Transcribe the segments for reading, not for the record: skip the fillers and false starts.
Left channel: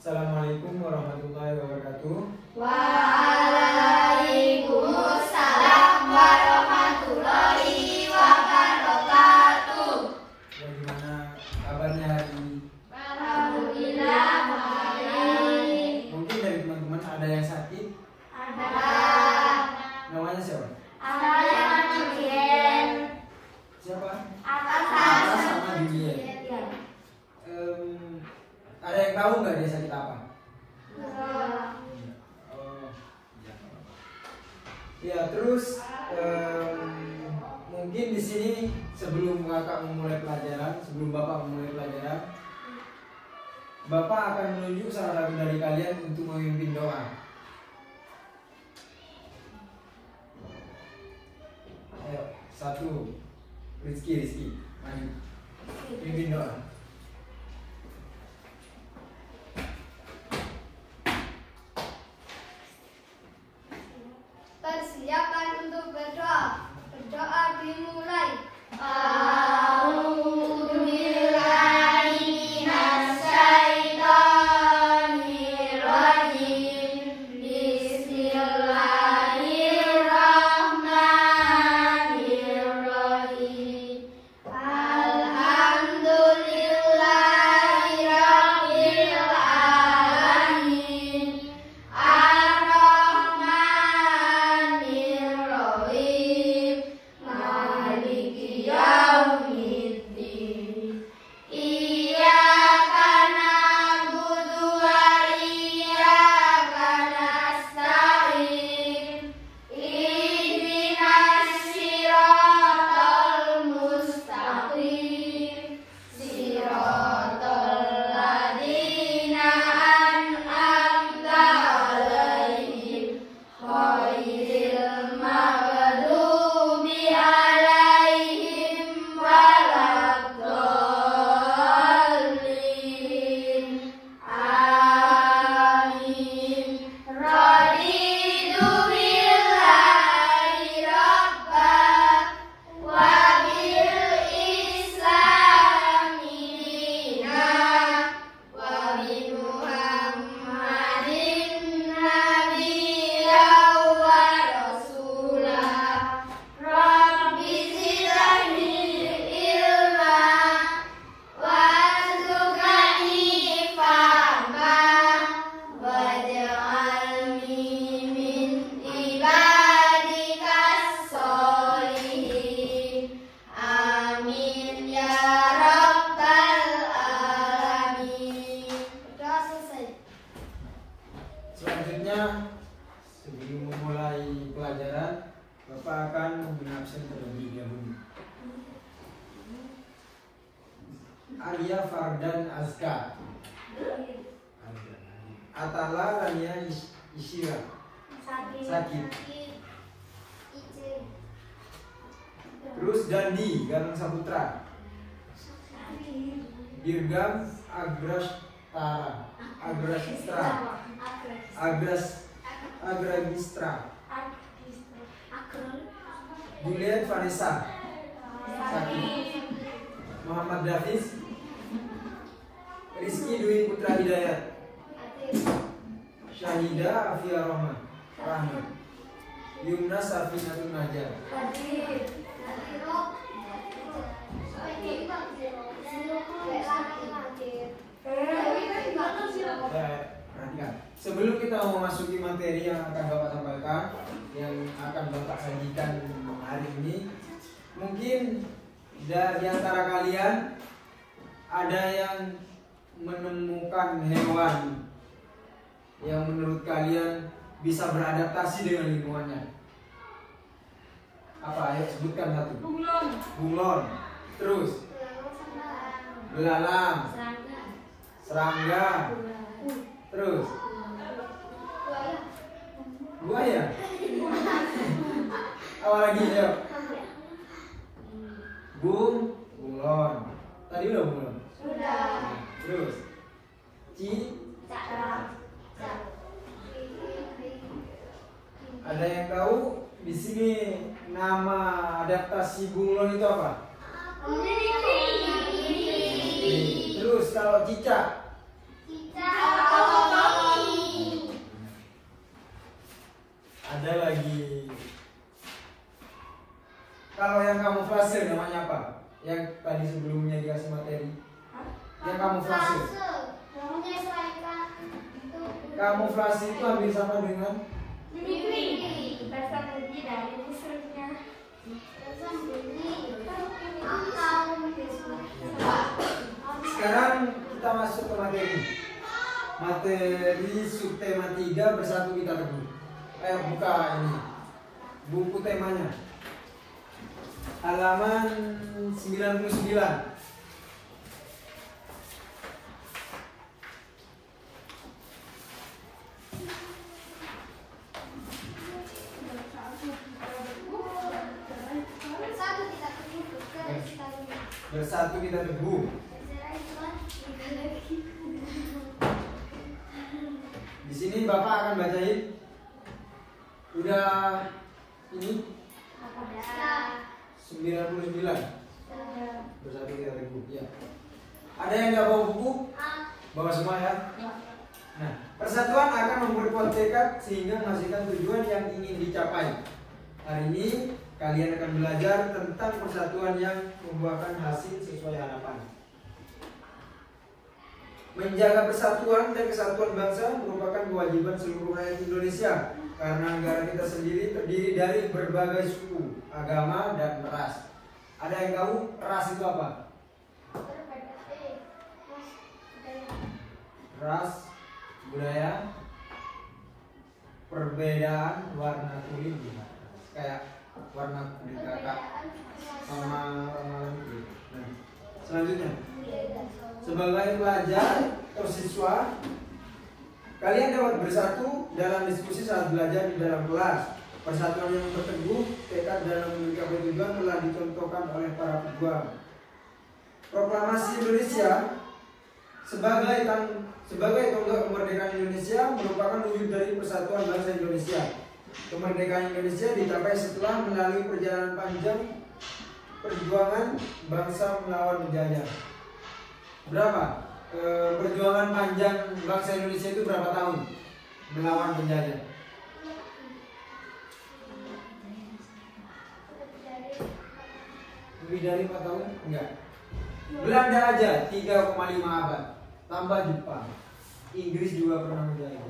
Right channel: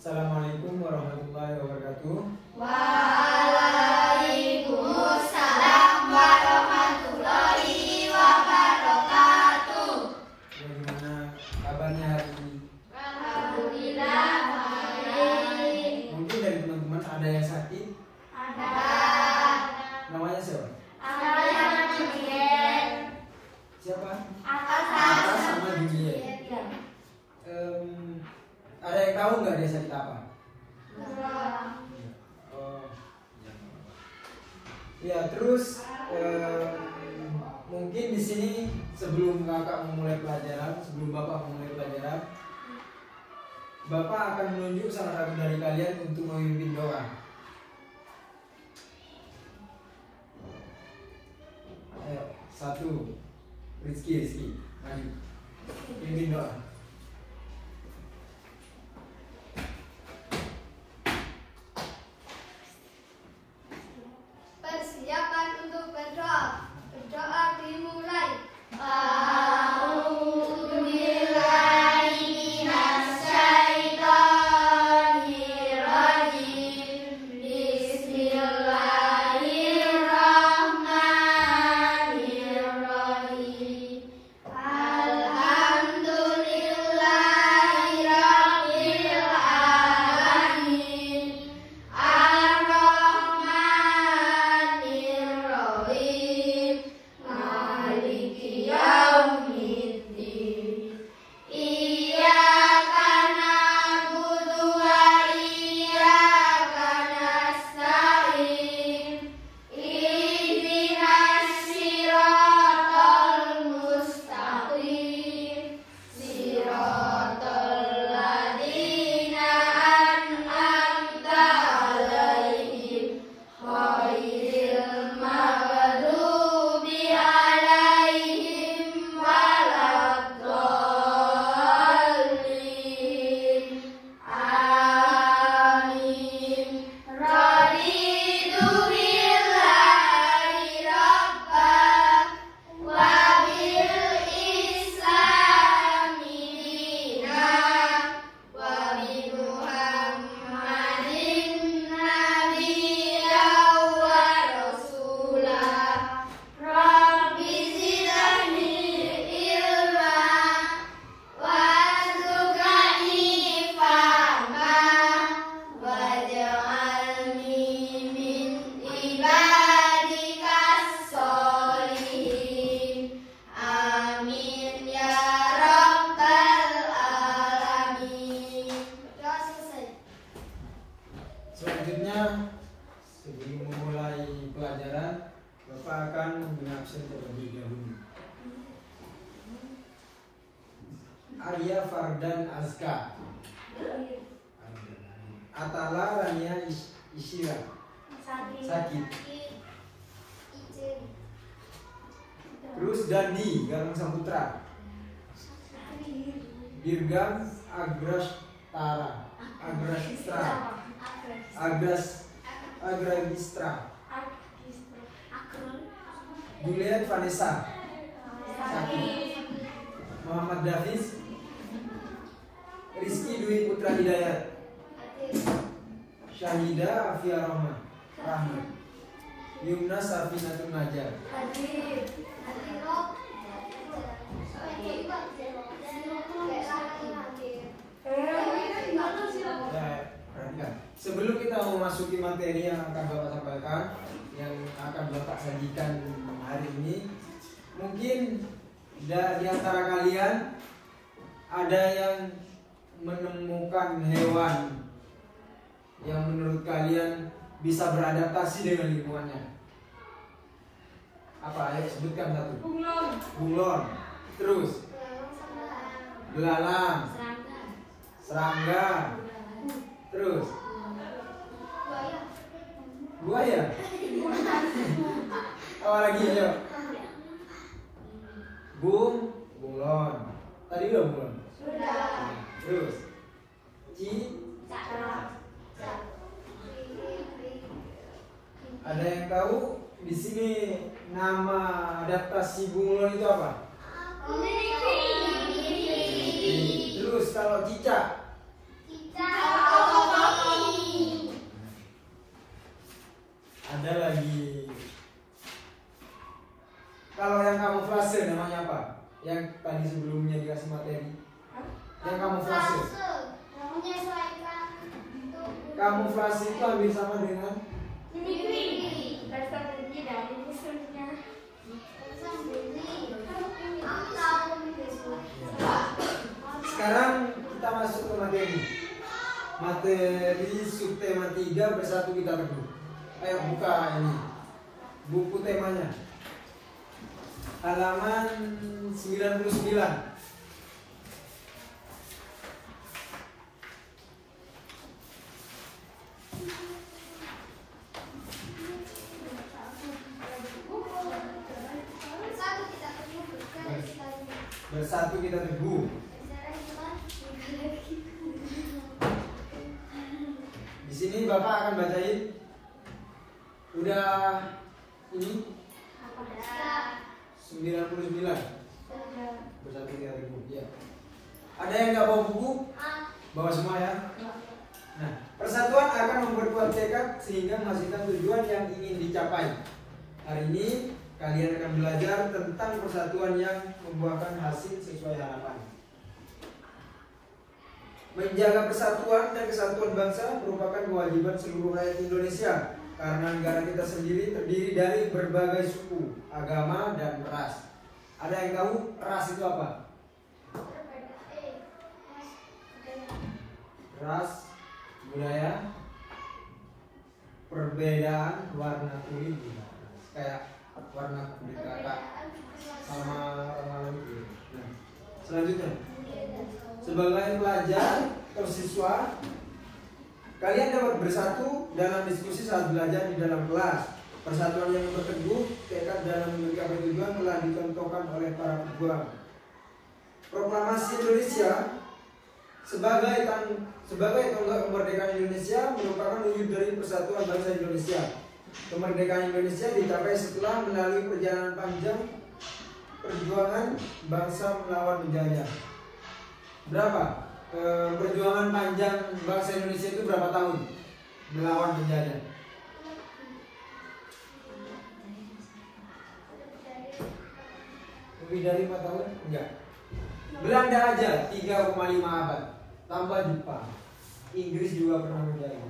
Assalamualaikum warahmatullahi wabarakatuh. Waalaikumsalam warahmatullahi wabarakatuh. Bagaimana kabarnya hari ini? Alhamdulillah baik. Mungkin dari teman-teman ada yang sakit? Ada. Namanya siapa? Namanya Julien. Siapa? Atas sama Julien. Ada yang tahu nggak dia sakit apa? Oh. Ya, terus mungkin di sini sebelum bapak memulai pelajaran, Bapak akan menunjuk salah satu dari kalian untuk memimpin doa. Ayo, satu, Rizky, maju, pimpin doa. Persiapan untuk berdoa. Berdoa dimulai. Selanjutnya, sebelum memulai pelajaran, Bapak akan mengabsen terlebih dahulu. Arya Fardan Azka, Atala Rania Isyira, Sakit. Terus Dandi Galang Saputra, Dirgam Agragistra, Juliet Vanessa, Sakit. Muhammad Davis, Rizky Dwi Putra Hidayat, Syahida Afia Rahman, Yumna Safinatul Najar. Sebelum kita memasuki materi yang akan Bapak sampaikan, yang akan Bapak sajikan hari ini, mungkin di antara kalian ada yang menemukan hewan yang menurut kalian bisa beradaptasi dengan lingkungannya. Apa? Ayo sebutkan satu. Bunglon. Terus belalang, serangga. Terus buaya. Apa lagi? Ayo. Bunglon. Tadi udah bunglon. Sudah. Terus ada yang tahu di sini nama adaptasi bunglon itu apa? Terus kalau cicak? Cicak. yang tadi sebelumnya dikasih materi? Yang kamuflase. Menyesuaikan bentuk Kamuflase itu hampir sama dengan sembunyi. Bersembunyi dari musuhnya. Sekarang kita masuk ke materi. Materi subtema 3 bersatu kita teguh. Buka ini buku temanya. Halaman 99. Bersatu kita teguh. Di sini Bapak akan bacain. Udah ini 99. Bersatu kita teguh. Ya. Ada yang nggak bawa buku? Bawa semua ya. Nah, persatuan akan memperkuat tekad sehingga menghasilkan tujuan yang ingin dicapai. Hari ini kalian akan belajar tentang persatuan yang membuahkan hasil sesuai harapan. Menjaga persatuan dan kesatuan bangsa merupakan kewajiban seluruh rakyat Indonesia karena negara kita sendiri terdiri dari berbagai suku, agama, dan ras. Ada yang tahu ras itu apa? Ras, budaya, perbedaan warna kulit, kayak warna kulit kakak sama orang lain gitu. Nah, selanjutnya, sebagai pelajar atau siswa, kalian dapat bersatu dalam diskusi saat belajar di dalam kelas. Persatuan yang berteguh, tekad dalam mencapai tujuan telah dicontohkan oleh para pejuang. Proklamasi Indonesia sebagai tonggak kemerdekaan Indonesia merupakan wujud dari persatuan bangsa Indonesia. Kemerdekaan Indonesia dicapai setelah melalui perjalanan panjang perjuangan bangsa melawan penjajah. Berapa? Perjuangan panjang bangsa Indonesia itu berapa tahun melawan penjajah? Lebih dari 4 tahun? Enggak. Belanda aja 3,5 abad. Tambah Jepang. Inggris juga pernah menjajah.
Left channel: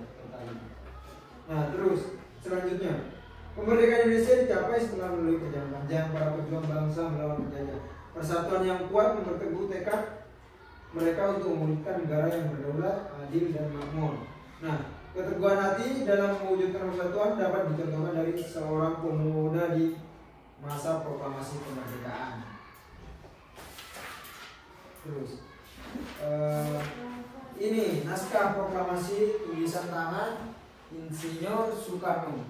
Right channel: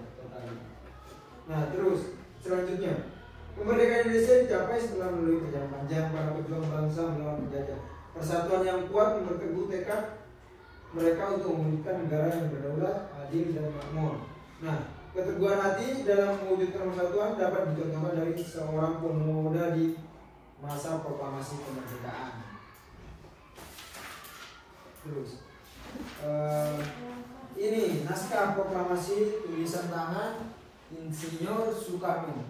Nah, terus selanjutnya, kemerdekaan Indonesia dicapai setelah melalui perjalanan panjang para pejuang bangsa melawan penjajah. Persatuan yang kuat memperteguh tekad mereka untuk memulihkan negara yang berdaulat, adil, dan makmur. Nah, keteguhan hati dalam mewujudkan persatuan dapat dicontohkan dari seorang pemuda di masa proklamasi kemerdekaan. Terus, ini naskah proklamasi tulisan tangan Insinyur Soekarno.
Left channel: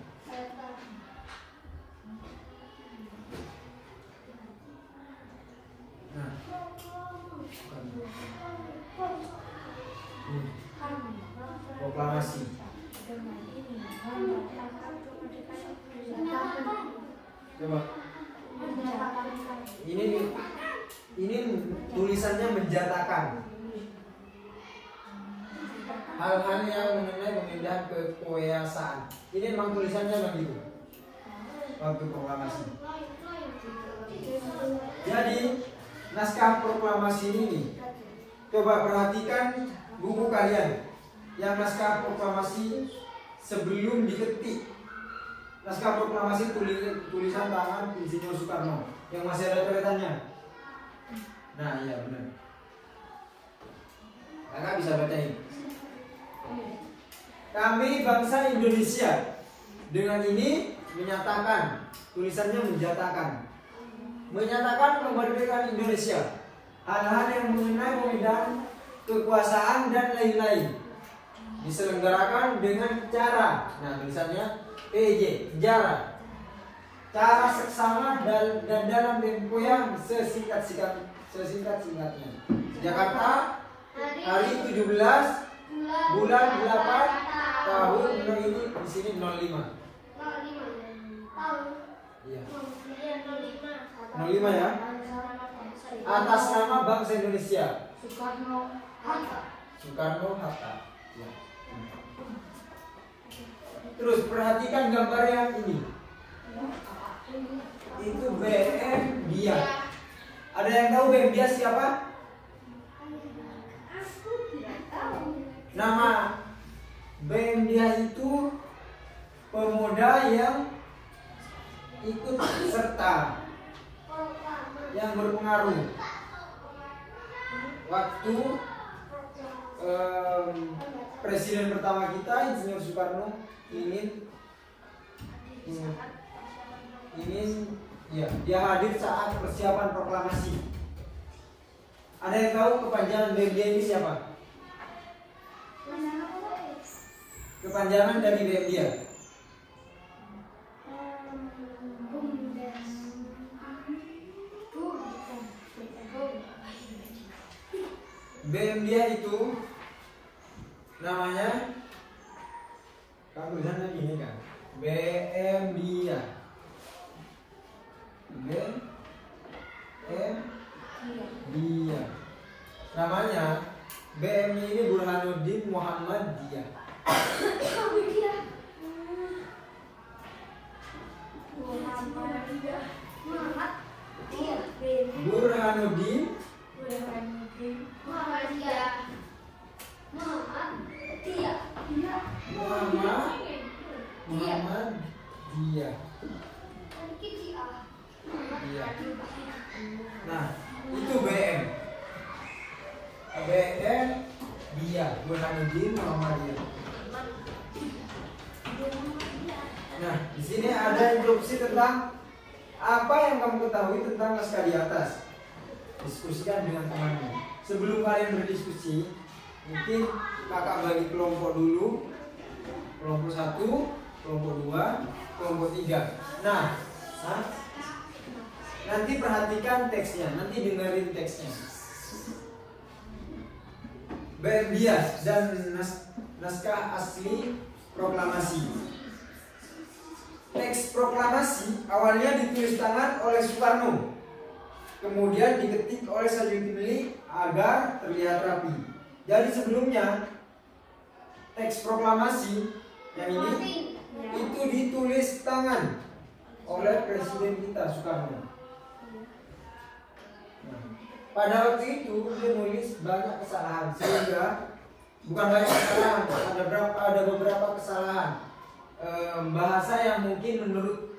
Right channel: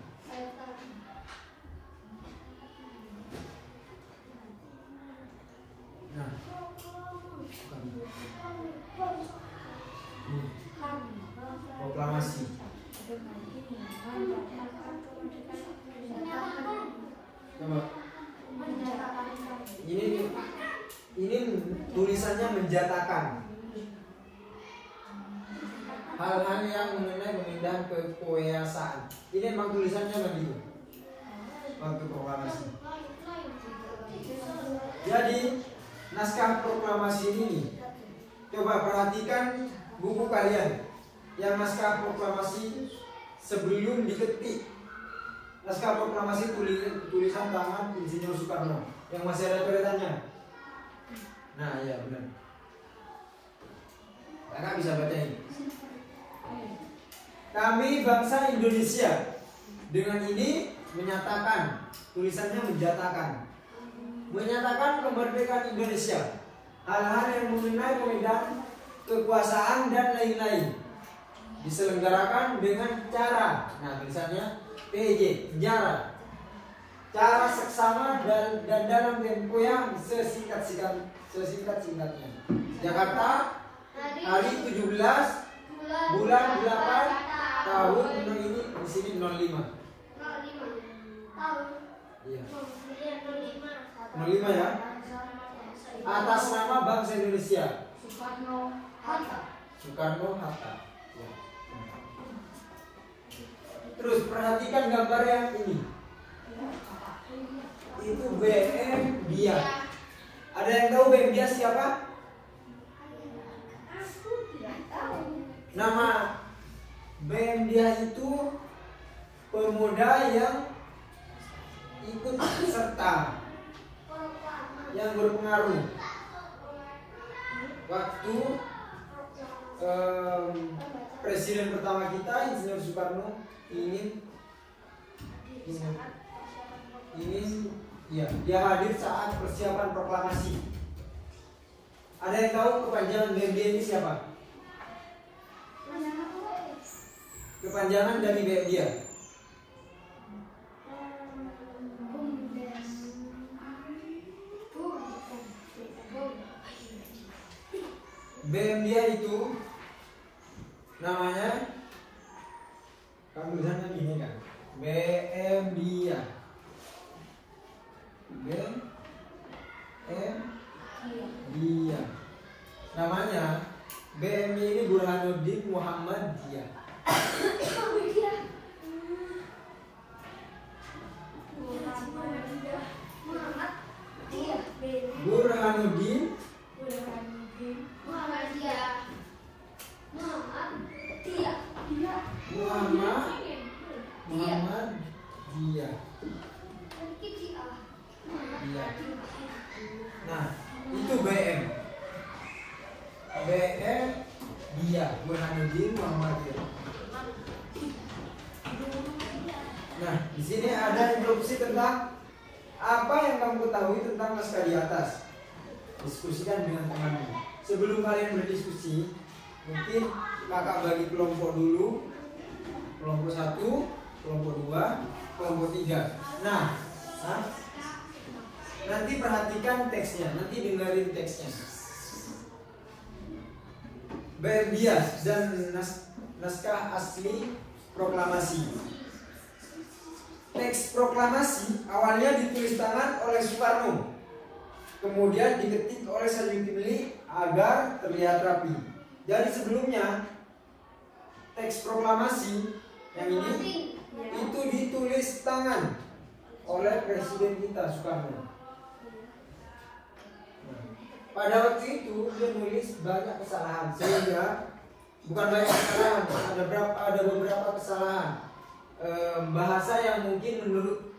Nah, proklamasi. Coba. Ini tulisannya menjatakan hal-hal yang mengenai pemindahan kekuasaan. Ini memang tulisannya begitu waktu proklamasi. Jadi naskah proklamasi ini, coba perhatikan buku kalian yang naskah proklamasi sebelum diketik. Naskah proklamasi tulisan tangan Insinyur Soekarno yang masih ada coretannya. Nah, iya benar. Kakak bisa baca ini. Kami bangsa Indonesia. Dengan ini menyatakan, tulisannya menyatakan kemerdekaan Indonesia. Hal-hal yang mengenai pemindahan kekuasaan dan lain-lain diselenggarakan dengan cara, nah tulisannya PJ, cara seksama dan dalam tempo yang sesingkat-singkatnya. Jakarta, hari 17 bulan 8 tahun ini di sini 05. 05 ya. Atas nama bangsa Indonesia. Soekarno Hatta. Ya. Terus perhatikan gambar yang ini. Itu BM dia. Ada yang tahu BM dia siapa? Aku tidak tahu. Nama BM dia itu pemuda yang ikut serta, yang berpengaruh waktu presiden pertama kita Insinyur Soekarno ingin ya, dia hadir saat persiapan proklamasi. Ada yang tahu kepanjangan BM dia ini siapa? Kepanjangan dari BM dia. BM dia itu namanya, kan tulisannya gini kan, BM dia, BM dia, namanya BM ini Burhanuddin Muhammad Dia. Burhanuddin Muhammad Dia. Iya. Nah, itu BM. BM dia, Burhanuddin Muhammad Dia. Nah, di sini ada introduksi tentang apa yang kamu ketahui tentang naskah di atas. Diskusikan dengan temanmu. Sebelum kalian berdiskusi, mungkin kakak bagi kelompok dulu. Kelompok 1, kelompok 2, kelompok 3. Nah, nanti perhatikan teksnya, nanti dengerin teksnya. BM dia dan naskah asli proklamasi. Teks proklamasi awalnya ditulis tangan oleh Soekarno, kemudian diketik oleh Sayuti agar terlihat rapi. Jadi sebelumnya teks proklamasi yang ini itu ditulis tangan oleh Presiden kita Soekarno. Pada waktu itu dia nulis banyak kesalahan, sehingga bukan banyak kesalahan, ada beberapa kesalahan bahasa yang mungkin menurut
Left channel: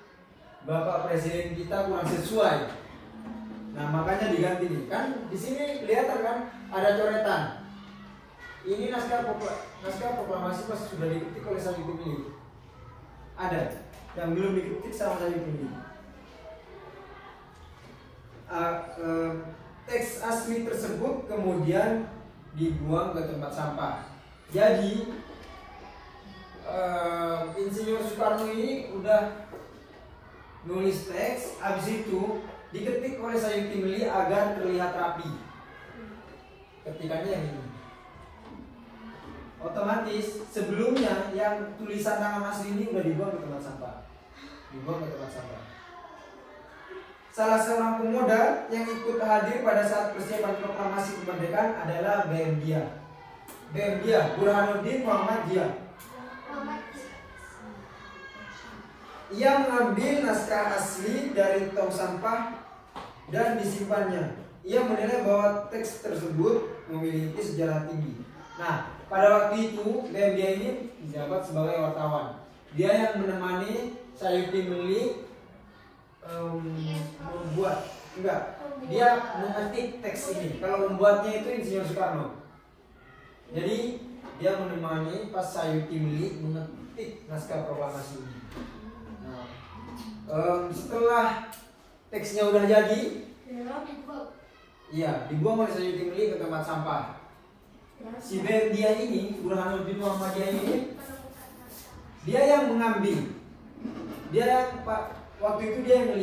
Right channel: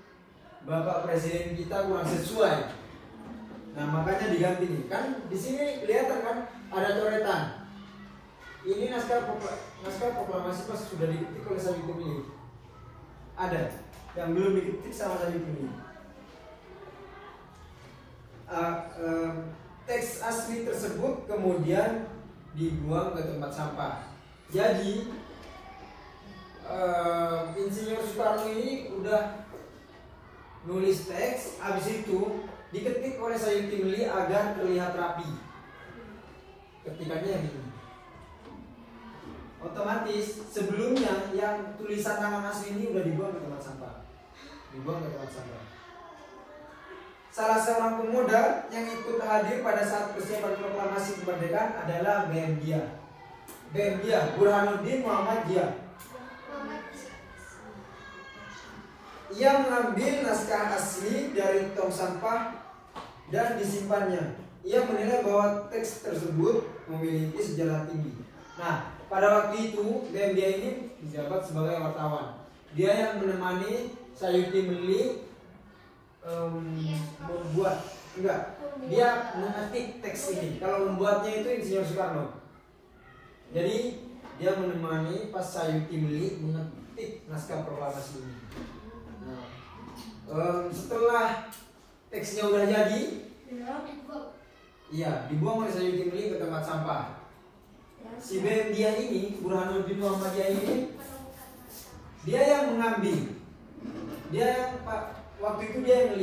Bapak Presiden kita kurang sesuai. Nah, makanya diganti nih. Kan di sini kelihatan kan ada coretan. Ini naskah proklamasi pas sudah diketik oleh Sayuti. Ada yang belum diketik sama Sayuti. Teks asli tersebut kemudian dibuang ke tempat sampah. Jadi Insinyur Soekarno ini udah nulis teks, habis itu diketik oleh Sayuti agar terlihat rapi. Ketikannya yang ini. Otomatis sebelumnya yang tulisan tangan asli ini udah dibuang ke tempat sampah. Salah seorang pemuda yang ikut hadir pada saat persiapan proklamasi kemerdekaan adalah BM dia. BM dia, Burhanuddin Muhammad Dia. Ia mengambil naskah asli dari tong sampah dan disimpannya. Ia menilai bahwa teks tersebut memiliki sejarah tinggi. Nah, pada waktu itu BM dia ini menjabat sebagai wartawan. Dia yang menemani Sayuti dia mengetik teks ini. Kalau membuatnya itu Insinyur Soekarno. Jadi dia menemani pas Sayuti mengetik naskah proklamasi ini. Setelah teksnya udah jadi, iya, dibuang oleh Sayuti ke tempat sampah. Si BM dia ini, Burhanuddin Muhammad Dia ini, dia yang mengambil. Dia yang waktu itu dia yang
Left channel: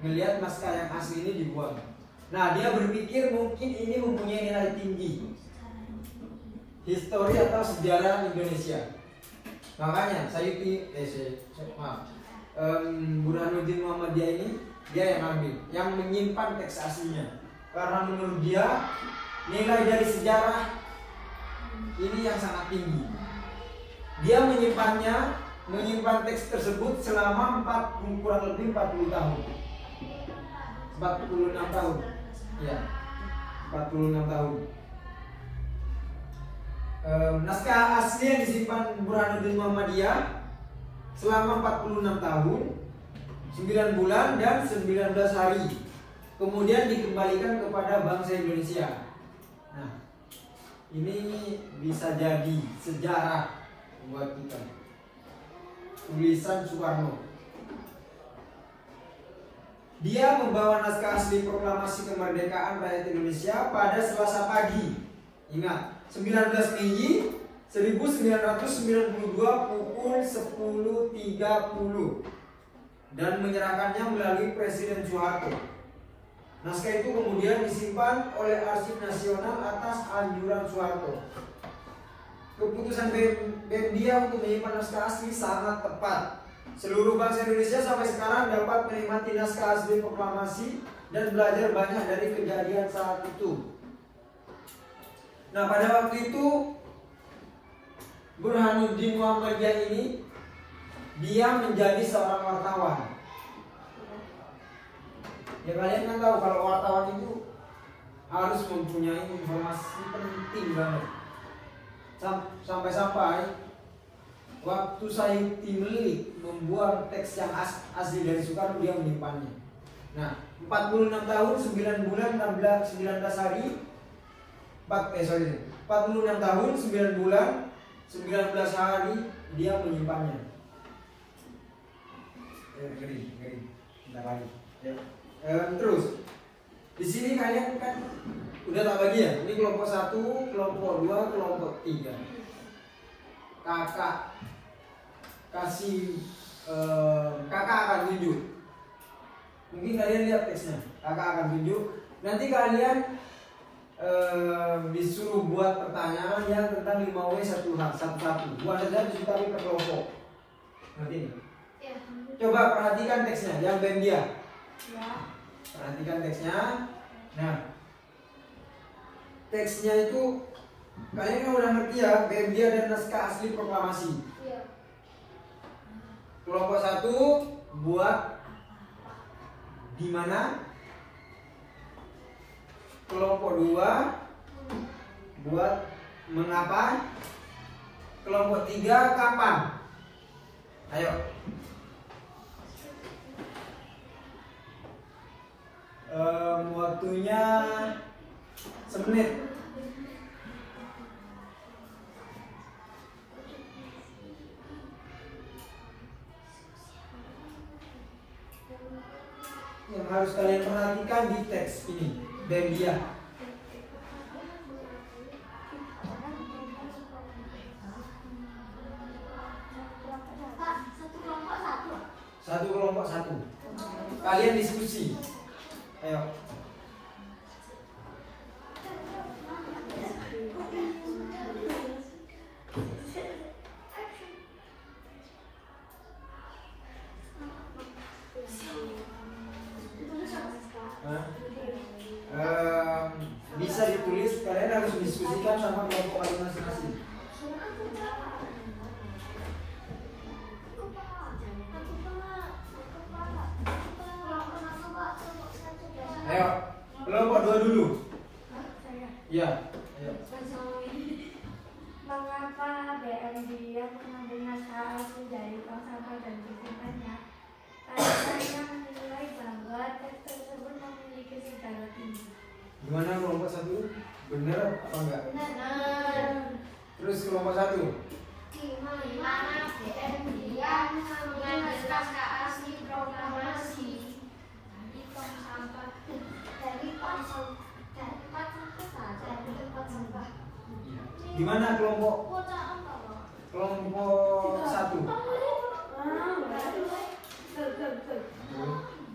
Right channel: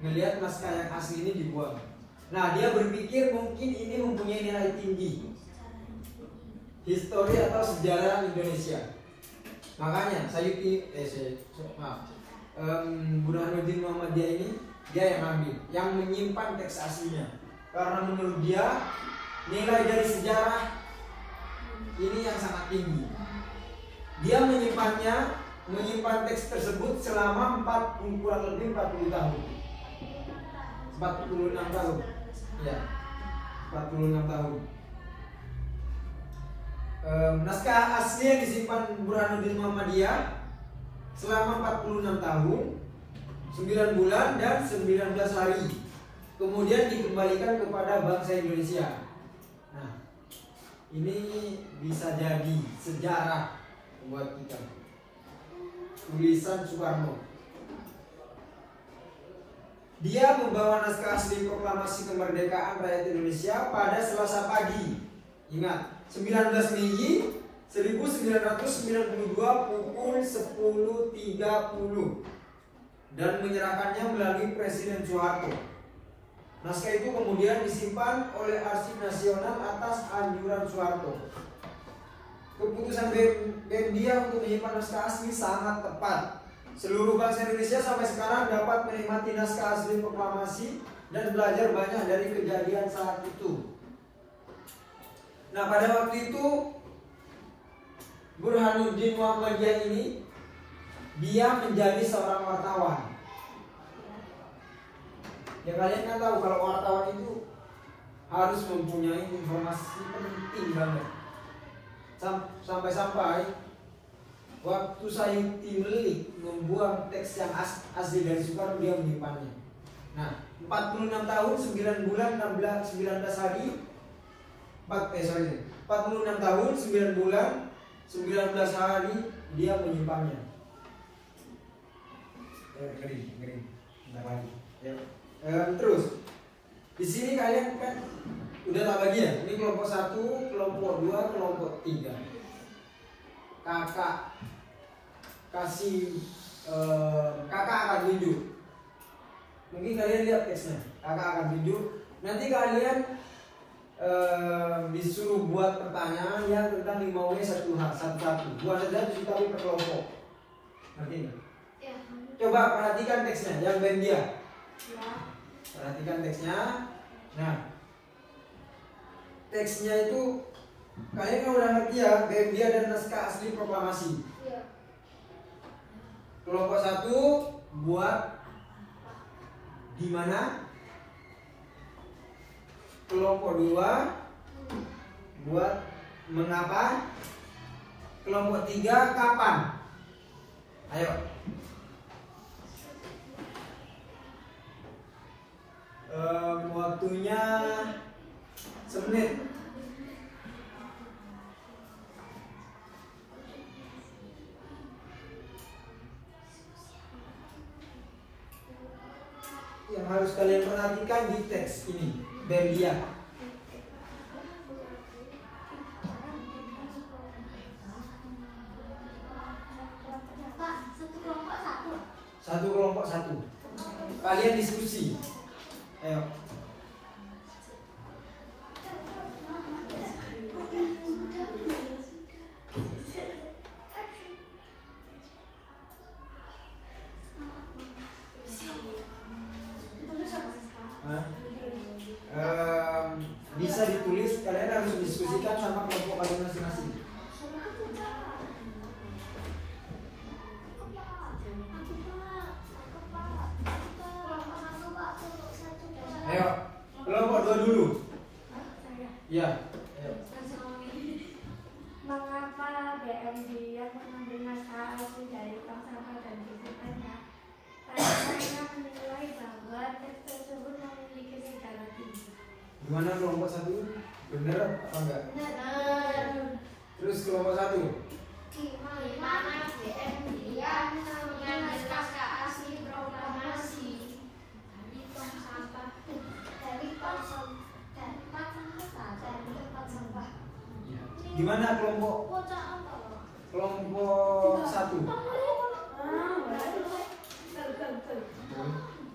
melihat naskah yang asli ini dibuang. Nah, dia berpikir mungkin ini mempunyai nilai tinggi, histori atau sejarah Indonesia. Makanya Burhanuddin Muhammad Dia ini dia yang ambil, yang menyimpan teks aslinya. Karena menurut dia nilai dari sejarah ini yang sangat tinggi. Dia menyimpan teks tersebut selama kurang lebih 40 tahun. 46 tahun. Ya, 46 tahun. Naskah asli yang disimpan Burhanuddin Muhammadiyah selama 46 tahun, 9 bulan dan 19 hari. Kemudian dikembalikan kepada bangsa Indonesia. Nah, ini bisa jadi sejarah buat kita. Tulisan Soekarno. Dia membawa naskah asli proklamasi kemerdekaan rakyat Indonesia pada Selasa pagi. Ingat, 19 Mei 1992 pukul 10.30 dan menyerahkannya melalui Presiden Soeharto. Naskah itu kemudian disimpan oleh Arsip Nasional atas anjuran Soeharto. Keputusan BEM dia untuk menyimpan naskah asli sangat tepat. Seluruh bangsa Indonesia sampai sekarang dapat menikmati naskah asli proklamasi dan belajar banyak dari kejadian saat itu. Nah, pada waktu itu Burhanuddin Muhammadiyah ini dia menjadi seorang wartawan. Ya, kalian kan tahu kalau wartawan itu harus mempunyai informasi penting banget. Sampai-sampai waktu Said Timlik membuat teks yang asli dari Soekarno, dia menyimpannya. Nah, 46 tahun, 9 bulan, 19 hari 46 tahun, 9 bulan, 19 hari dia menyimpannya. Ngeri. Bentar lagi. Terus di sini kalian kan udah tahu lagi ya. Ini kelompok 1, kelompok 2, kelompok 3. Kakak akan tunjuk. Mungkin kalian lihat teksnya. Kakak akan tunjuk. Nanti kalian disuruh buat pertanyaan ya tentang 5W satu-satu. Buat saja tapi per kelompok. Ngerti nggak? Ya. Coba perhatikan teksnya, yang BEM dia. Ya. Perhatikan teksnya. Nah, teksnya itu kalian kan udah ngerti ya, BEM dia dan naskah asli proklamasi. Ya. Kelompok 1 buat di mana? Kelompok 2 buat mengapa? Kelompok 3 kapan? Ayo. Waktunya semenit. Yang harus kalian perhatikan di teks ini, BEM dia. Satu kelompok 1. Kalian diskusi. Ayo. Bisa ditulis, kalian harus diskusikan sama kelompok kalian masing-masing. Ayo, kelompok 2 dulu. Ya. Mengapa BEM dia mengambil naskah asli dari tong sampah dan diberikannya? Karena saya menilai bahwa teks tersebut memiliki sejarah tinggi. Gimana kelompok 1? Bener apa enggak? Benar. Terus kelompok 1? Di mana BEM dia mengambil naskah asli proklamasi dari tong sampah Gimana kelompok 1?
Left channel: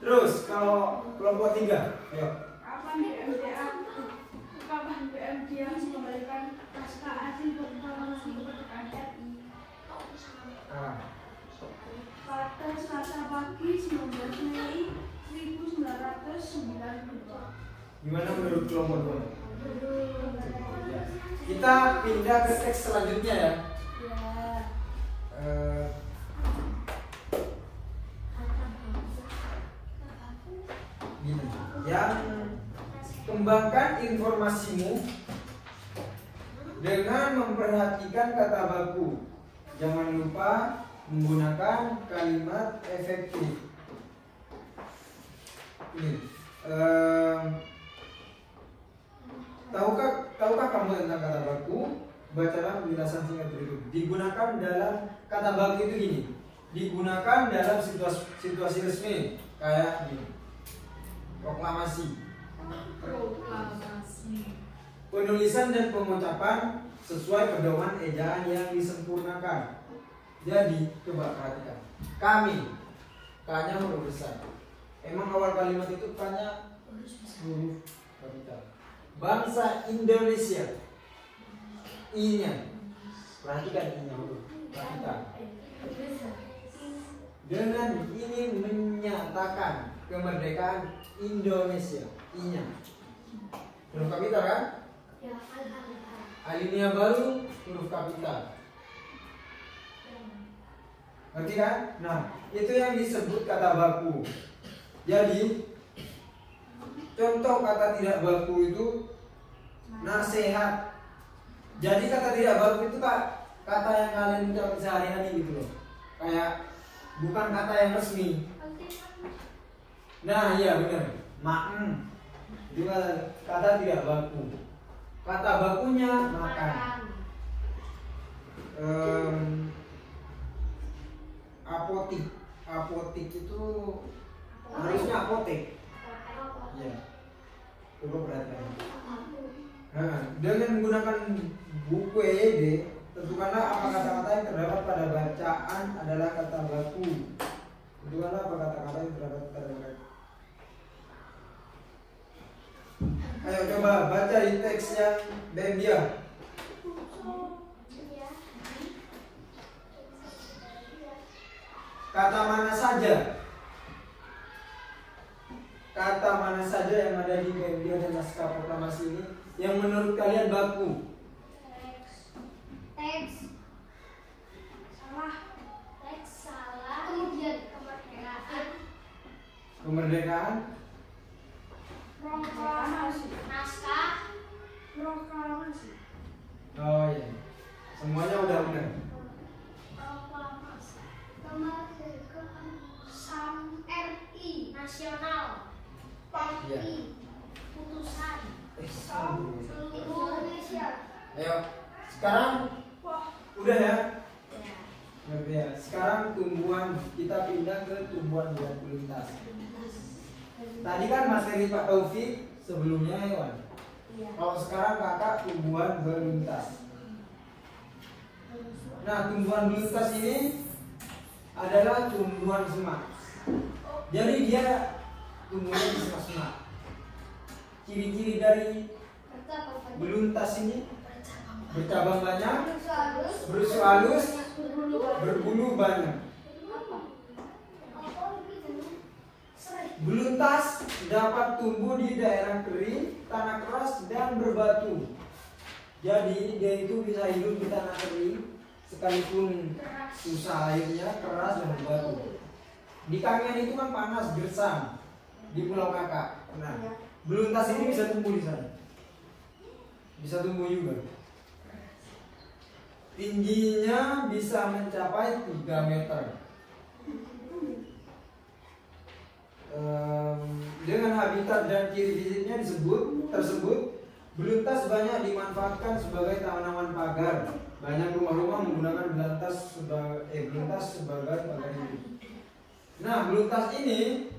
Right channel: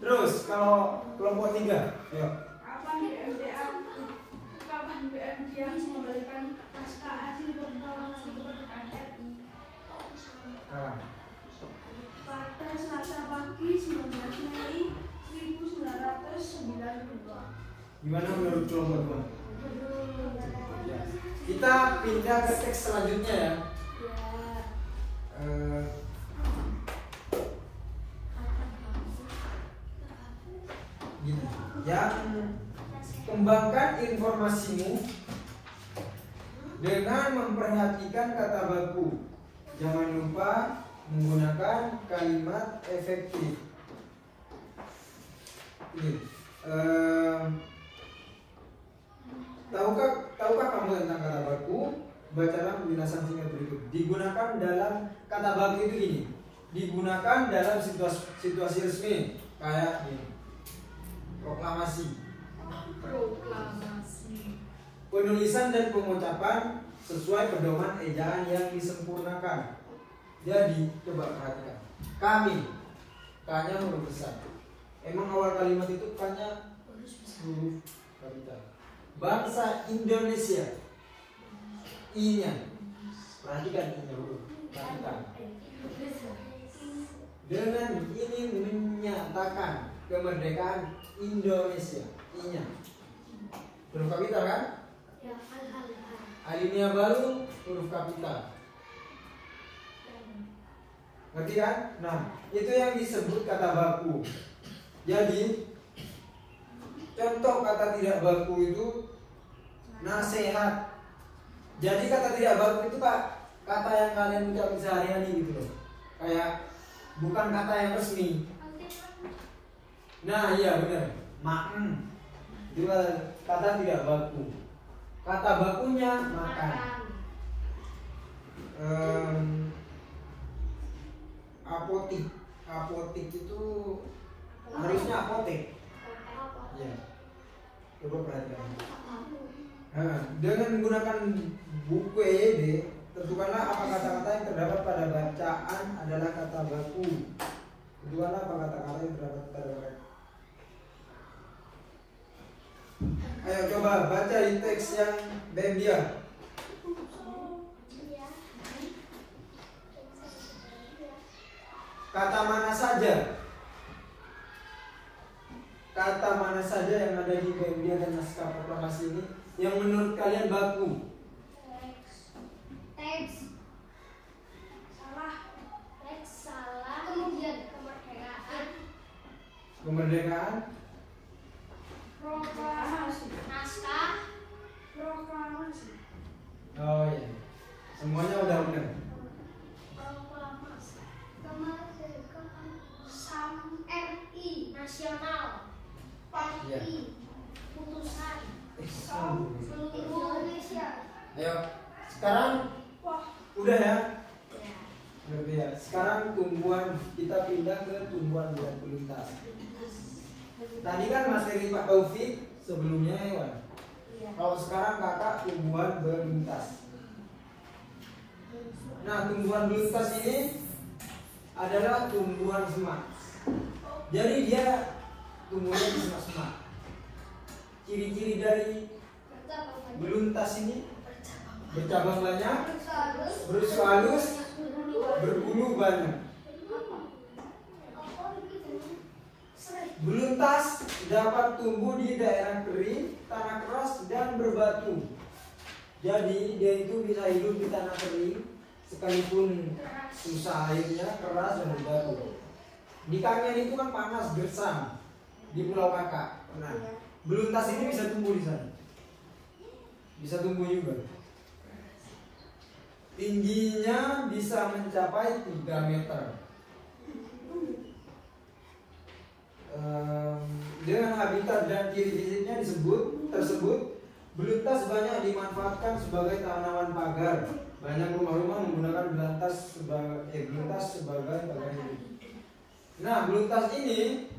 Terus kalau kelompok 3? Yuk. Kapan BEM dia mengembalikan naskah asli proklamasi kemerdekaan RI? Pada Selasa pagi 19 Mei 1992. Gimana menurut kelompok 2? Kita pindah ke teks selanjutnya ya. Gini. Yang kembangkan informasimu dengan memperhatikan kata baku. Jangan lupa menggunakan kalimat efektif. Ini, tahukah kamu tentang kata baku? Bacalah penjelasan singkat berikut. Digunakan dalam kata baku itu ini. Digunakan dalam situasi resmi kayak ini. Proklamasi. Penulisan dan pengucapan sesuai pedoman ejaan yang disempurnakan. Jadi coba perhatikan. Kami, K-nya huruf besar. Emang awal kalimat itu K-nya huruf kapital. Bangsa Indonesia, I-nya, perhatikan I-nya huruf kapital. Dengan ini menyatakan kemerdekaan Indonesia, I-nya huruf kapital kan? Alinea baru huruf kapital. Ngerti kan? Nah, itu yang disebut kata baku. Jadi, contoh kata tidak baku itu nasihat. Jadi kata tidak baku itu kata yang kalian ucapkan sehari-hari gitu loh. Kayak bukan kata yang resmi. Nah, iya benar. Juga kata tidak baku. Kata bakunya makan. Apotik itu harusnya apotek. Ya. Coba perhatikan. Dengan menggunakan buku EYD, tentukanlah apa kata-kata yang terdapat pada bacaan adalah kata baku. Tentukanlah apa kata-kata yang terdapat pada bacaan. Ayo coba baca di teks yang dia. Kata mana saja? Kata mana saja yang ada di dia dan naskah proklamasi ini yang menurut kalian baku? Teks salah. Teks salah. Kemudian kemerdekaan. Kemerdekaan. Proklamasi. Naskah. Proklamasi. Oh iya, semuanya udah benar. Proklamasi. Kemerdekaan. RI nasional. PI. Putusan. Seluruh Indonesia. Ayo, sekarang udah ya. Ya. Sekarang tumbuhan, kita pindah ke tumbuhan berbentuk lintas. Tadi kan materi Pak Taufik sebelumnya hewan. Kalau sekarang kakak tumbuhan berlintas. Nah, tumbuhan berlintas ini adalah tumbuhan semak. Jadi dia tumbuhnya di semak-semak. Ciri-ciri dari beluntas ini bercabang banyak, berusus halus, berbulu banyak. Beluntas dapat tumbuh di daerah kering, tanah keras, dan berbatu. Jadi dia itu bisa hidup di tanah kering, sekalipun susah airnya, keras dan berbatu. Di Kangen itu kan panas, gersam, di Pulau Kakak. Nah, beluntas ini bisa tumbuh di sana. Bisa tumbuh juga. Tingginya bisa mencapai 3 meter. Dengan habitat dan ciri fisiknya tersebut, beluntas banyak dimanfaatkan sebagai tanaman pagar. Banyak rumah-rumah menggunakan beluntas sebagai pagar hidup. Nah, beluntas ini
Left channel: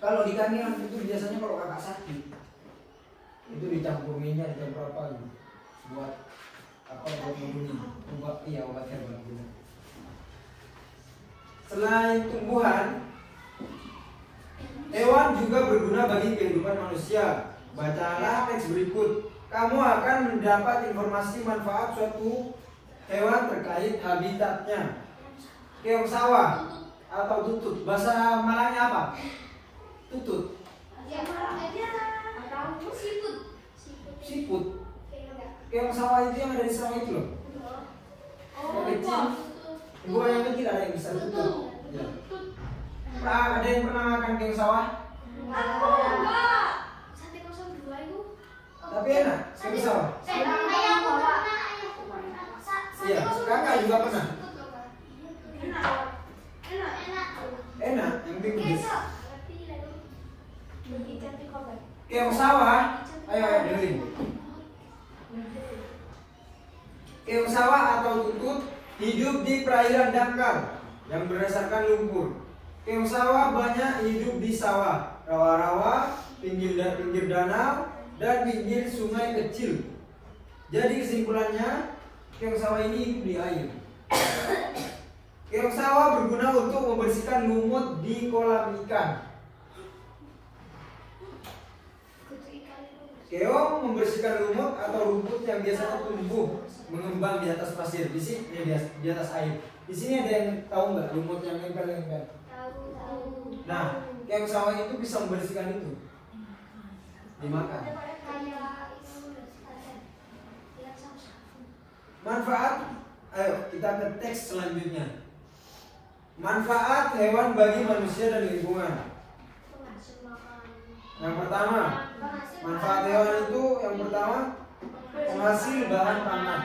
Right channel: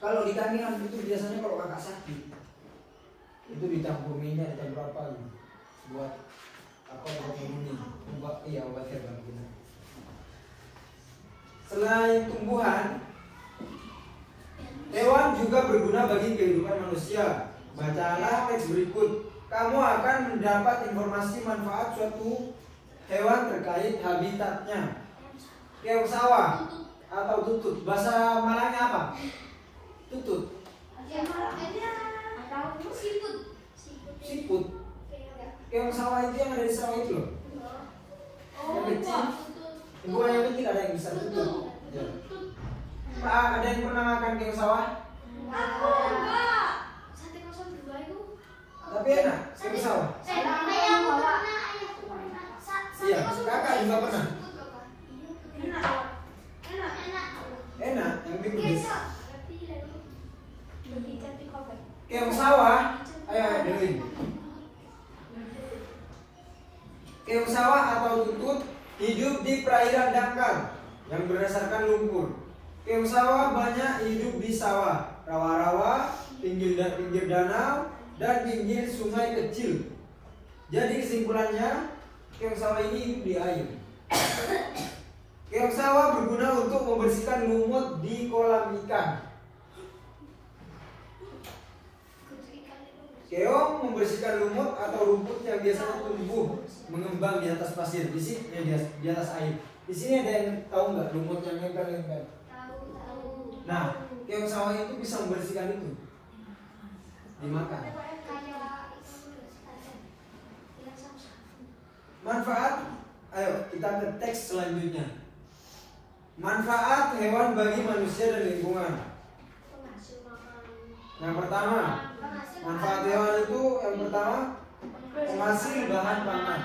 kalau di kami kan itu biasanya kalau kakak sakit itu dicampur minyak, dicampur apa gitu, buat apa, buat obat herbal gitu. Selain tumbuhan, hewan juga berguna bagi kehidupan manusia. Bacalah teks berikut. Kamu akan mendapat informasi manfaat suatu hewan terkait habitatnya. Keong sawah atau tutut. Bahasa Malangnya apa? Tutut. Siput. Keong sawah itu yang ada di sawah itu loh. Yang kecil. Bukan yang kecil, ada yang bisa tutut. Ya. Ada yang pernah makan keong sawah? Aku enggak. Sate 02 itu. Tapi enak, kayak sawah. Ayahku pernah. Iya, kakak juga pernah. Enak, yang penting pedes. Keong sawah, ayo dengerin. Keong sawah atau tutut hidup di perairan dangkal yang berdasarkan lumpur. Keong sawah banyak hidup di sawah, rawa-rawa, pinggir danau, dan pinggir sungai kecil. Jadi kesimpulannya, keong sawah ini hidup di air. Keong sawah berguna untuk membersihkan lumut di kolam ikan. Keong membersihkan lumut atau rumput yang biasanya tumbuh mengembang di atas pasir. Di sini di atas air. Di sini ada yang tahu nggak lumut yang nempel-nempel? Nah, keong sawah itu bisa membersihkan itu. Dimakan. Manfaat, ayo kita ke teks selanjutnya. Manfaat hewan bagi manusia dan lingkungan. Yang pertama, manfaat hewan itu yang pertama penghasil bahan pangan.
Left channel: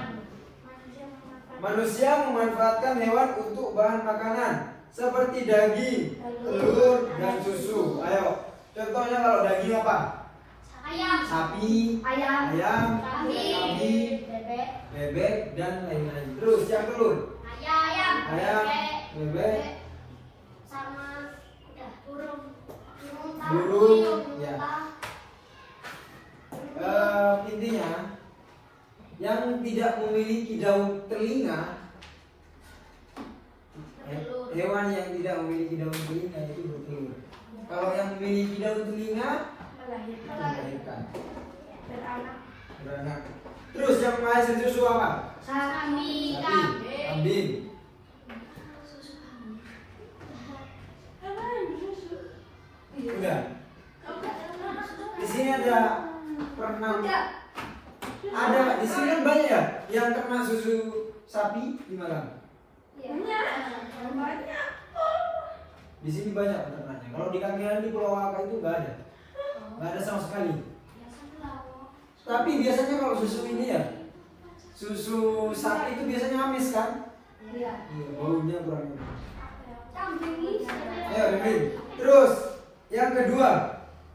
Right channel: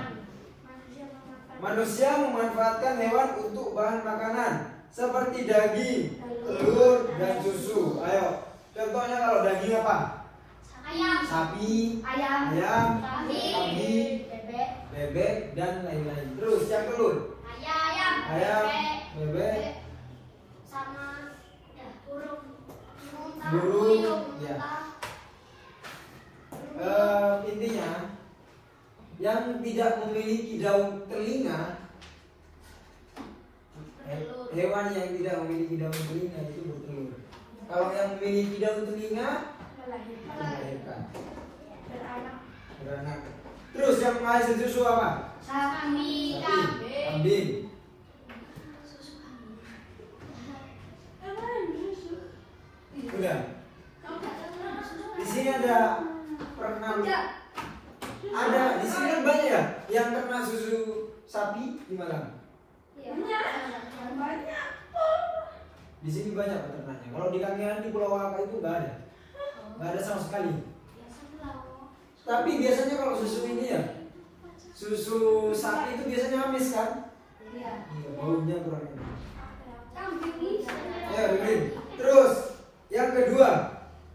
Manusia memanfaatkan hewan untuk bahan makanan seperti daging, telur, dan susu. Ayo, contohnya kalau daging apa? Sapi, ayam, kambing, bebek, dan lain-lain. Terus yang telur? Ayam, bebek, sama burung, ya. Intinya yang tidak memiliki daun telinga, hewan yang tidak memiliki daun telinga itu bertelur. Kalau yang memiliki daun telinga itu melahirkan, beranak. Terus yang menghasil susu apa? Sapi, kambing. Udah. Di sini ada pernah ada di sini kan banyak ya yang pernah susu sapi di Malang. Di sini banyak peternaknya. Kalau di Kangean di Pulau Waka itu nggak ada sama sekali. Tapi biasanya kalau susu ini ya, susu sapi itu biasanya amis kan? Iya. Baunya kurang enak. Ya, begini. Terus yang kedua,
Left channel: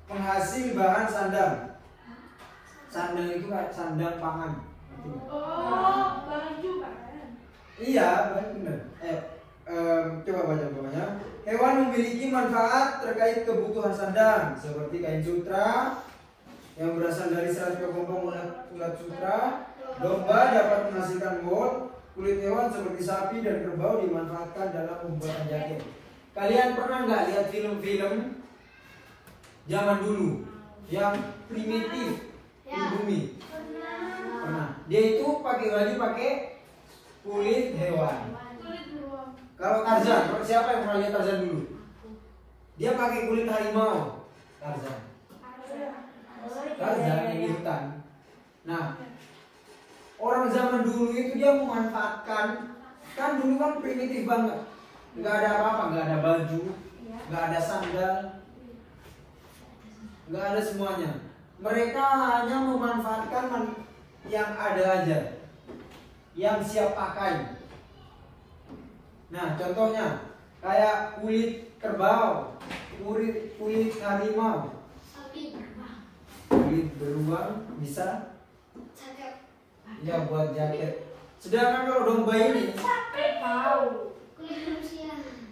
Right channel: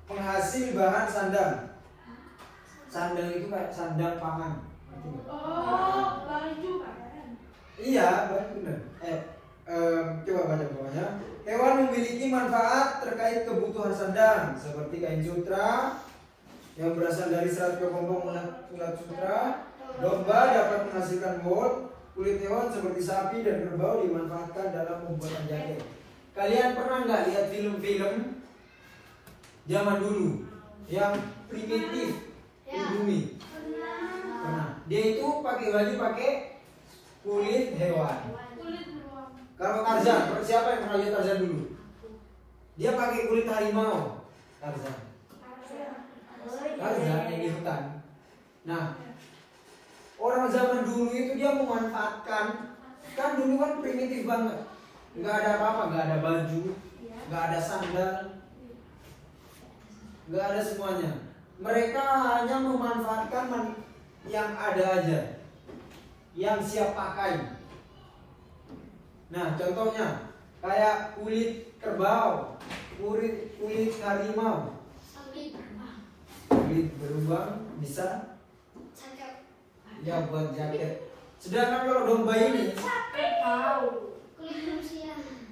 penghasil bahan sandang. Sandang itu kayak sandang pangan. Oh, baju kan? Iya, benar. Coba baca bawahnya. Hewan memiliki manfaat terkait kebutuhan sandang seperti kain sutra yang berasal dari serat kepompong ulat sutra. Domba dapat menghasilkan wool. Kulit hewan seperti sapi dan kerbau dimanfaatkan dalam pembuatan jaket. Kalian pernah nggak lihat film-film zaman dulu yang primitif di bumi? Pernah. Dia itu pakai baju pakai kulit hewan. Kalau Tarzan, siapa yang pernah lihat Tarzan dulu? Dia pakai kulit harimau. Tarzan yang di hutan. Nah, orang zaman dulu itu dia memanfaatkan, kan dulu kan primitif banget, nggak ada apa-apa, nggak ada baju, nggak ada sandal, nggak ada semuanya. Mereka hanya memanfaatkan yang ada aja, yang siap pakai. Nah, contohnya kayak kulit kerbau, kulit harimau, kulit beruang bisa ya buat jaket. Sedangkan kalau domba ini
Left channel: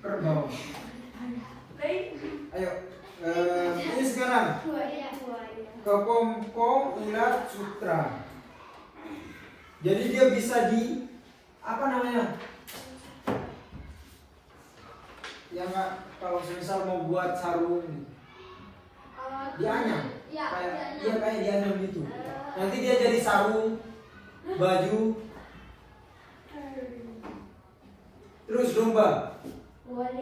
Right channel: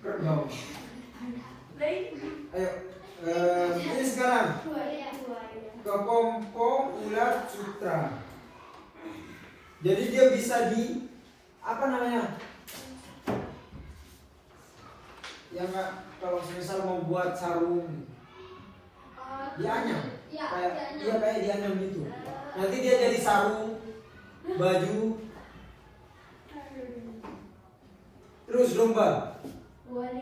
kerbau. Ayo, ini sekarang kepompong ulat sutra. Jadi dia bisa di apa namanya? Yang kalau misal mau buat sarung dianyam, kayak dianyam gitu. Nanti dia jadi sarung, baju. Terus domba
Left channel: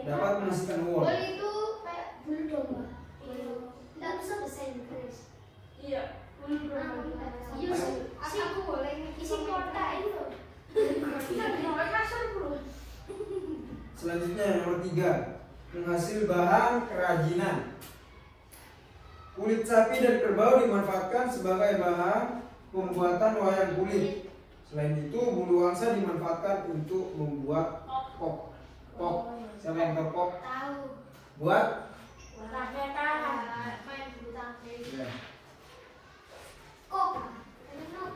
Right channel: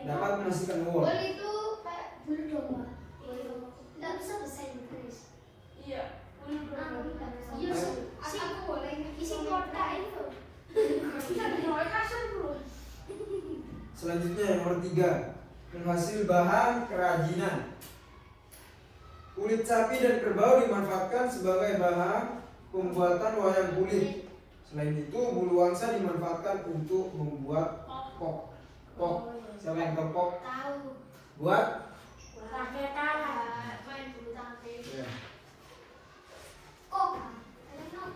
dapat menghasilkan wool. itu kayak bulu domba. Tidak bisa bahasa Inggris. Iya, bulu domba. Aku boleh isi kotak itu. Kita di nomor kasur bulu. Selanjutnya yang nomor 3, menghasil bahan kerajinan. Kulit sapi dan kerbau dimanfaatkan sebagai bahan pembuatan wayang kulit. Selain itu, bulu angsa dimanfaatkan untuk membuat kok. Kok, siapa yang tahu kok? Tahu. Buat? Raketan. Main bulu tangkis. Ya. Kok.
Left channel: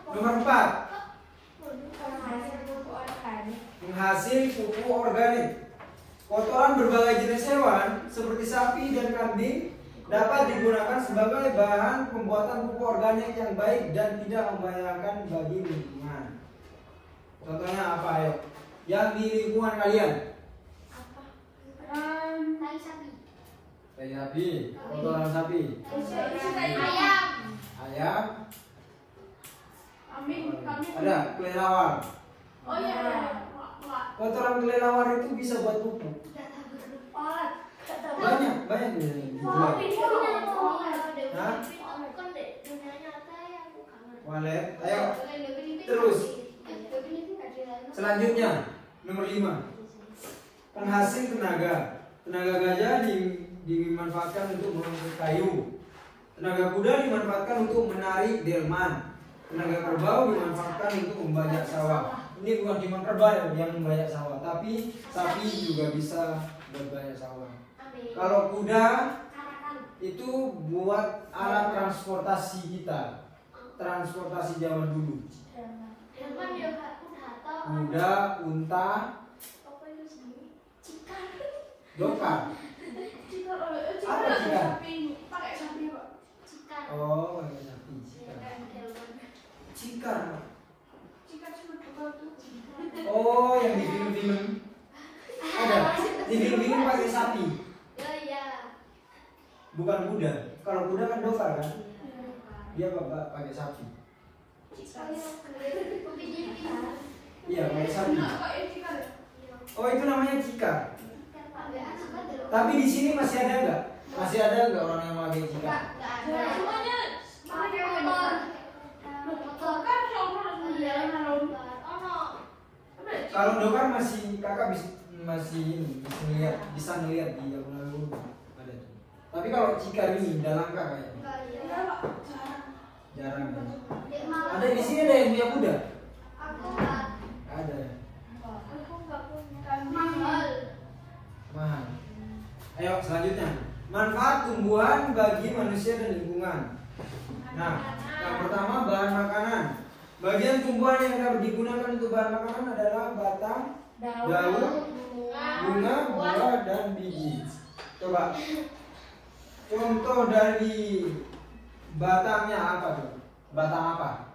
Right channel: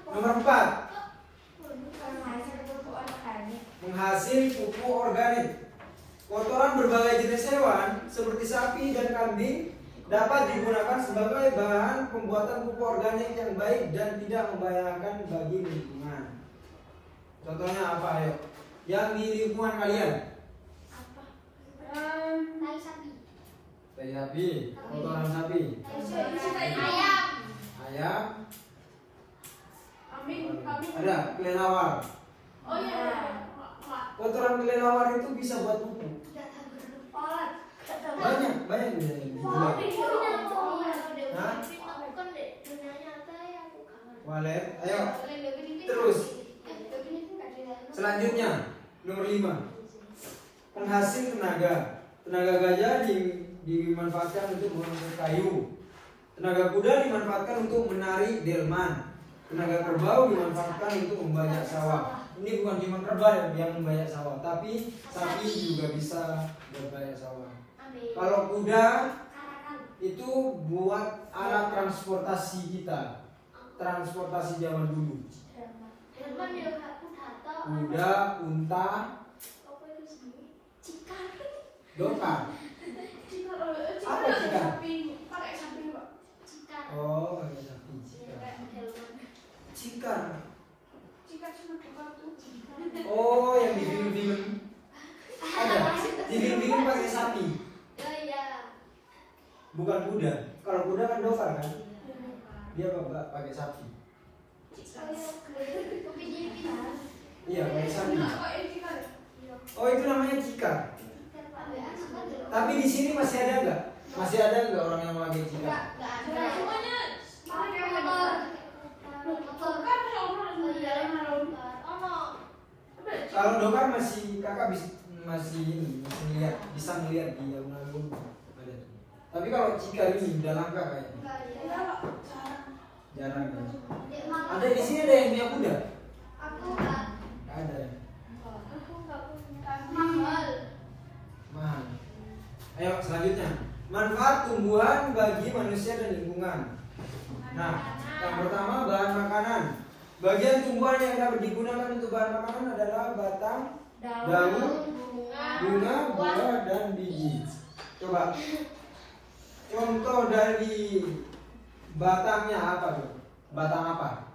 Nomor 4. Menghasil pupuk organik. Menghasil pupuk organik. Kotoran berbagai jenis hewan seperti sapi dan kambing dapat digunakan sebagai bahan pembuatan pupuk organik yang baik dan tidak membahayakan bagi lingkungan. Contohnya apa ayo? Yang di lingkungan kalian? Apa? Tai sapi. Tai sapi, kotoran sapi. Ayam. Ayam. Amin. Ada kelelawar. Oh iya. Kotoran kelelawar itu bisa buat pupuk. Banyak nih. Hah? Walet. Ayo. Terus. Selanjutnya nomor 5. Penghasil tenaga. Tenaga gajah dimanfaatkan untuk mengangkut kayu. Tenaga kuda dimanfaatkan untuk menarik delman. Tenaga kerbau dimanfaatkan untuk membajak sawah. Ini bukan cuma kerbau yang membajak sawah, tapi sapi juga bisa berbajak sawah. Kalau kuda itu buat alat transportasi kita, transportasi zaman dulu. Kuda, unta, dokar. Apa cikar? Pakai sapi, Pak. Oh, pakai sapi. Cikar. Oh, yang di film-film. Ada. Di film-film pakai sapi. Bukan kuda. Kalau kuda kan dokar kan? Dia pakai sapi. Iya, pakai sapi. Oh, itu namanya cikar. Tapi di sini masih ada nggak? Masih ada nggak orang yang pakai cikar? Kalau dokar masih kakak bisa ngeliat di alun-alun ada. Tapi kalau cikar ini udah langka kayaknya. Jarang kan? Ada di sini ada yang punya kuda? Ada. Mahal. Ayo selanjutnya. Manfaat tumbuhan bagi manusia dan lingkungan. Nah, yang pertama bahan makanan. Bagian tumbuhan yang dapat digunakan untuk bahan makanan adalah batang, daun, bunga, buah, dan biji. Coba contoh dari batangnya apa tuh? Batang apa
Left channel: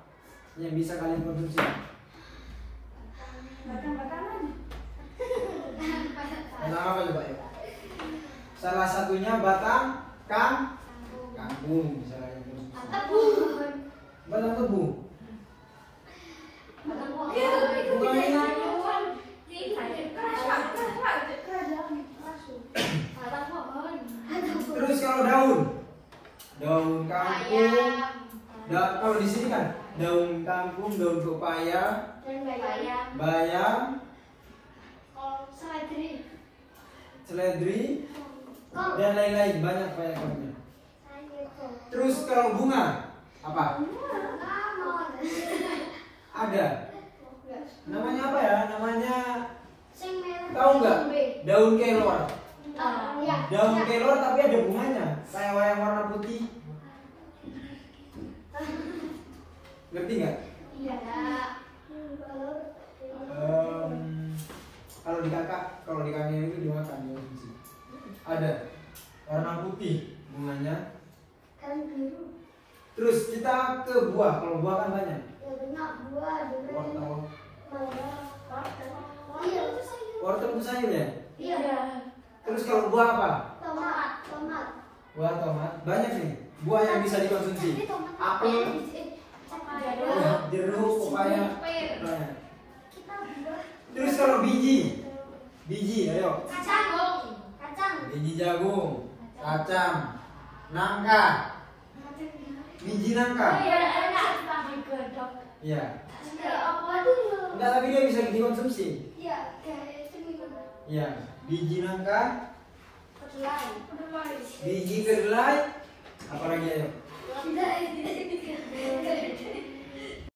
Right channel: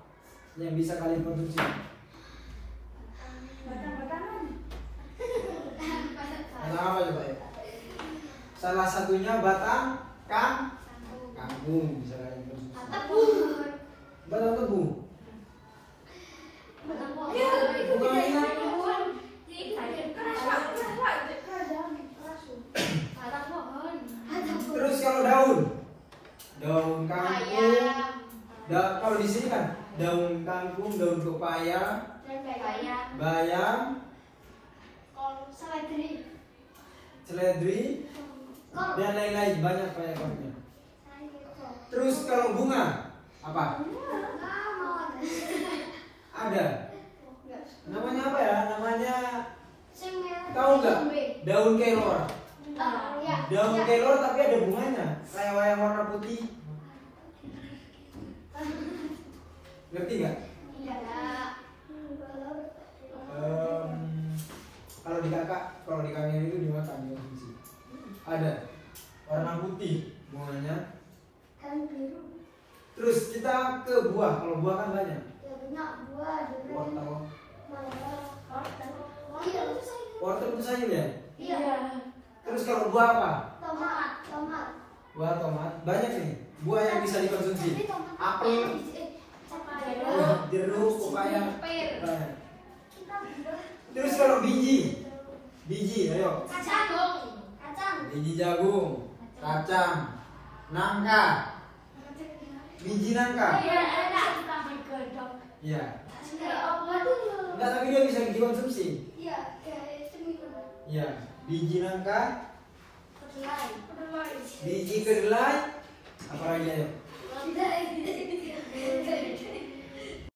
yang bisa kalian konsumsi? Batang apa coba ya? Salah satunya batang kangkung bisa kalian konsumsi. Batang tebu. Terus kalau daun kangkung, kalau di sini kan daun kangkung, daun pepaya, bayam, seledri, dan lain-lain banyak banyak. Terus kalau bunga apa? Ada. Namanya apa ya? Namanya tahu nggak? Daun kelor. Daun kelor tapi ada bunganya. Kayak yang warna putih. Ngerti nggak? Kalau di kalian itu dimakan ya di sini. Ada warna putih bunganya. Terus kita ke buah. Kalau buah kan banyak. Wortel itu sayur ya? Iya. Terus kalau buah apa? Tomat. Buah tomat. Banyak nih. Buah yang bisa dikonsumsi. Apel, jeruk, pepaya. Banyak. Terus kalau biji, ayo. Biji jagung, kacang, nangka. Biji nangka. Iya. Enggak, tapi dia bisa dikonsumsi. Iya. Biji nangka, biji kedelai, Apa lagi ya? Tidak.